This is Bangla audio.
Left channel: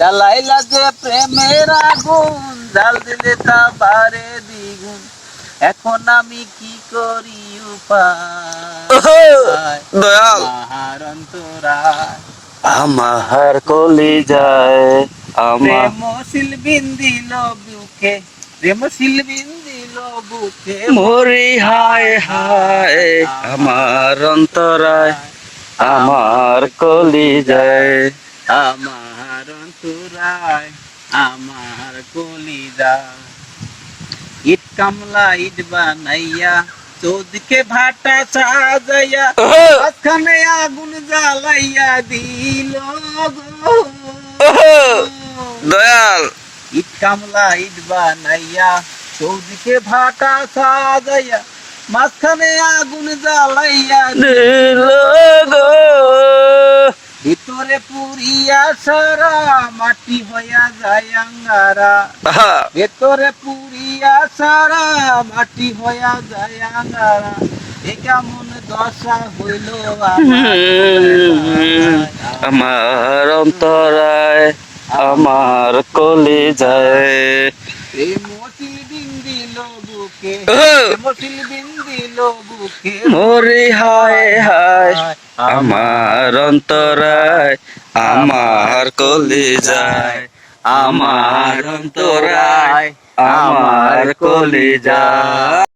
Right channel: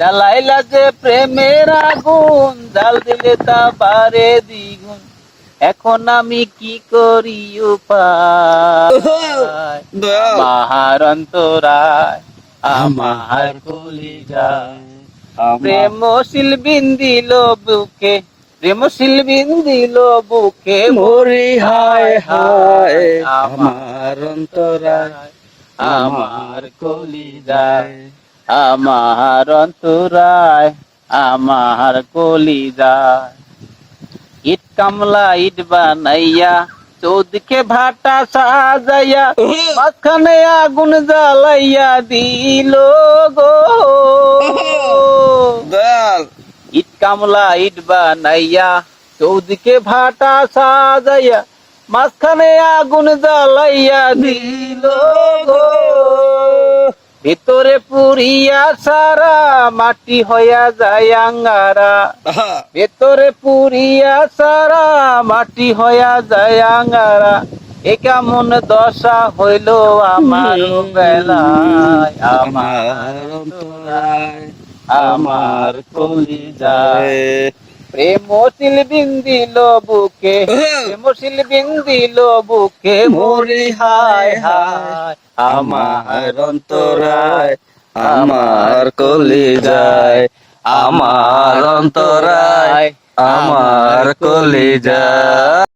জ্বালাইলা যে প্রেমের আগুন, জাল দিলে তা বারে দ্বিগুণ। এখন আমি কি করি উপায়, দয়াল আমার অন্তরায় আমার কলিজায় আমার প্রেমশীল বিন্দিল বুকে, প্রেমশীল বিন্দিল বুকে মরি হায় হায় আমার অন্তরায় আমার কলিজায় আমার অন্তরায় আমার কলিজায়। ইট কামলা ইট বানাইয়া, চৌদিকে ভাটা সাজাইয়া, মাঝখানে আগুন জ্বালাইয়া দিল গো। দয়াল ইট কামলা ইট বানাইয়া, চৌদিকে ভাটা সাজাইয়া, মাঝখানে আগুন জ্বালাইয়া দিল গো। ভিতরে পুরিয়া সারা মাটি হইয়া যায় আঙ্গারা, ভেতরে পুরিয়া সারা মাটি হইয়া যায় আঙ্গারা। এ কেমন দশা হইল আমার বেলায়, আমার অন্তরায় আমার কলিজায় প্রেমশীল বিন্দিল বুকে, প্রেমশীল বিন্দিল বুকে মরি হায় হায় আমার অন্তরায় আমার কলিজায় আমার অন্তরায় আমার কলিজায়।